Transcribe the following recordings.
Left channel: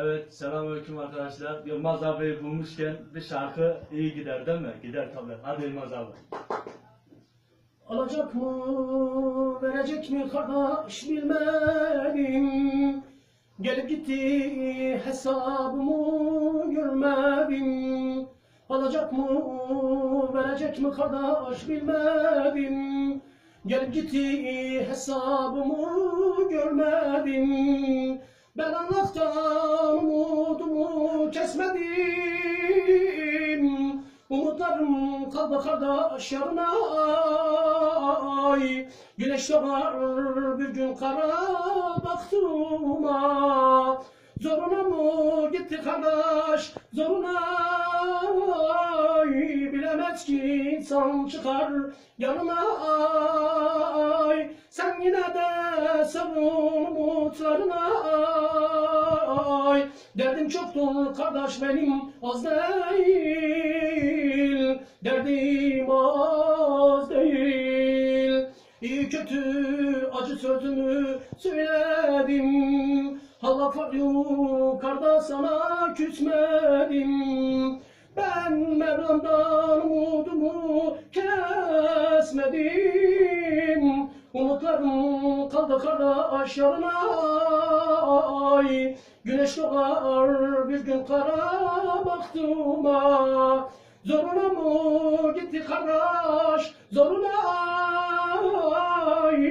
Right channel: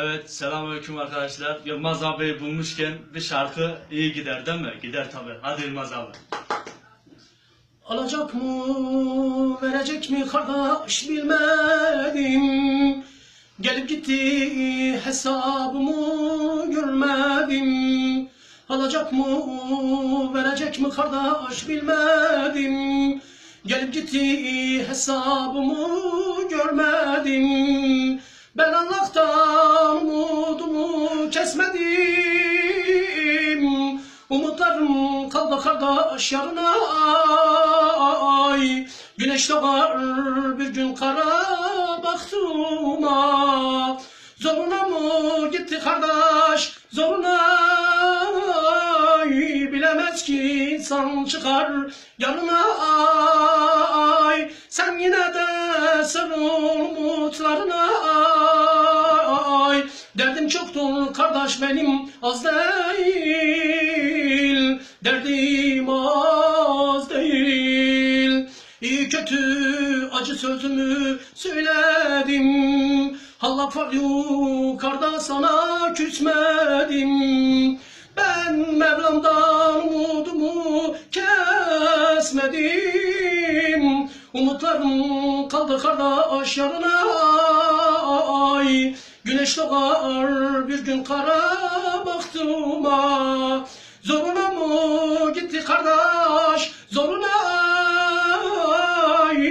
Evet, selamünaleyküm arkadaşlar. Yılmaz abiyi bulmuşken bir şarkı iyi gider değil mi? Gider tabi. Hadi Yılmaz abi. Alacak mı, verecek mi kardeş bilmedim. Gelip gitti hesabımı görmedim. Alacak mı, verecek mi kardeş bilmedim. Gelip gitti hesabımı görmedim. Kaldı kardeş yarına ay Güneş doğar bir gün kara baktığıma Zoruna mı gitti kardeş? Zoruna. Ay Bilemez ki insan çıkar yanına. Ay Sen yine de sarıl umutlarına. Ay Derdim çoktur kardeş benim az değil Derdim az değil. İyi kötü acı sözümü söyledim. Allah var yukarıda sana küsmedim. Ben Mevlam'dan umudumu kesmedim. Umutlarım kaldı kardeş yarına ay. Güneş doğar bir gün kara baktığıma. Zoruna kardeş zoruna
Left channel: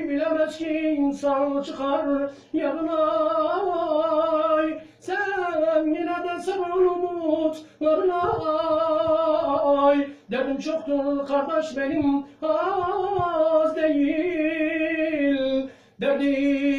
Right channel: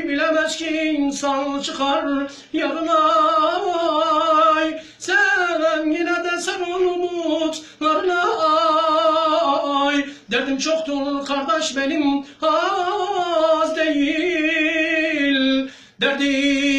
Bilemez ki insan çıkar yarına ay. Sen yine de sarıl umutlarına ay. Derdim çoktur kardeş benim az değil. Derdim